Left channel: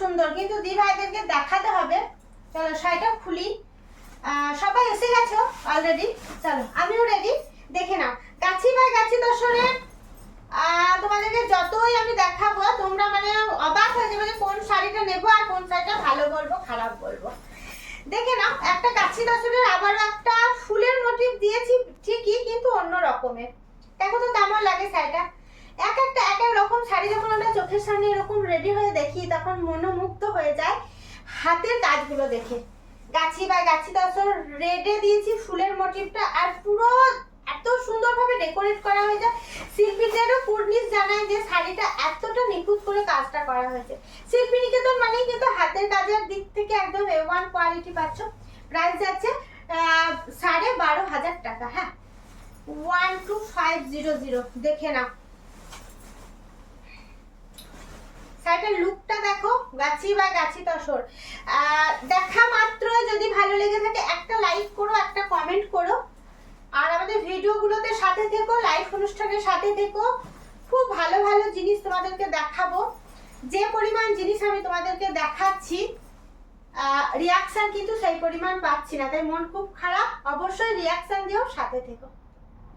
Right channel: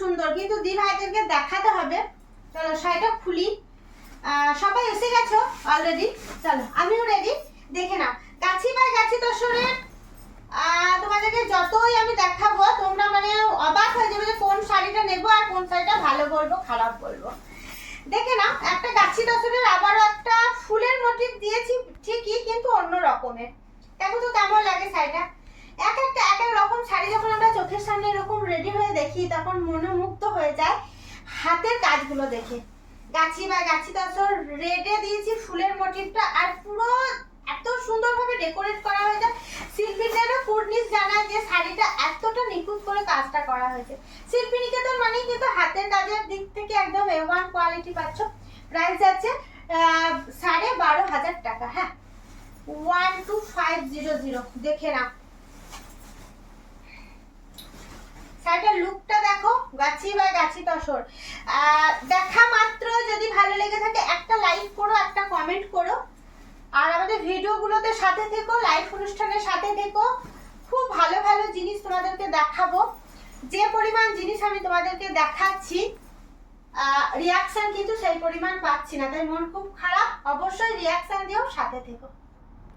সুন্দর, কিন্তু দি ভাইদেরকে দেখাতে হবে। চলো শাড়িটা খুলি। সবাই এসে গেছো অলরেডি, চলো আমিও রেডি। দেখে নাও গাছি বাই গাছি দর্শনের তোমাদেরকে যতই আমি দেখাবো তোমরা মানে অবাক হয়ে যাবে যে কোন শাড়িটা নেবো আর কোন শাড়িটা ভালো বলবো খারাপ বলবো। দেখে নাও একটা গাছি দর্শনের আবারও একটা ফুলের মোটিভ দিয়েছি ঠিকই, কিন্তু অন্য রকমের। দেখো তো কেমন লাগে শাড়িটা। এক একটা এক এক রকম শাড়ি যখন আমরা চোখের সামনে এরকম রেডি হয়ে দেখি তখন মনোমুগ্ধ হয়ে যায় হাতের কাজগুলো দেখে। গাছি বা গাছি দর্শন রেডে দিয়েছি ফুলের মোটিভটা, আর পুরো এত সুন্দরভাবে ডেকোরেট করা হয়েছে। শিল্পীদেরও কুর্নিশ জানায় যে শাড়িটা এতটা নিখুঁত করে কাজটা করা হয়েছে। শিল্পী নিকেতন মানেই কিন্তু হাতের কাজের দিক থেকে একদম A1 কোয়ালিটি পাচ্ছ। প্রাইস যাচ্ছে 12,500 টাকা। হ্যাঁ 12500। দেখে না শাড়িটার লুকটা দেখো, গাছি বা গাছি তসর। দেখা মাত্র যদি ভালো লেগে থাকে একটা লাইক করো, একটা কমেন্ট করো, আর আমাদের ভিডিওগুলোতে সাথে থেকো, লাইভ অনুষ্ঠানের সাথে থেকো। খুব ভালো ভালো জিনিস তোমাদেরকে দেখাবো। যে পরিমাণ জিনিস আমি তোমাদেরকে দেখাচ্ছি রিয়াকশন কিন্তু সেই পরিমাণ পাচ্ছি না, তাই মন খুব খারাপ। অবশ্যই রিয়াকশন দিও, সাথে থেকো।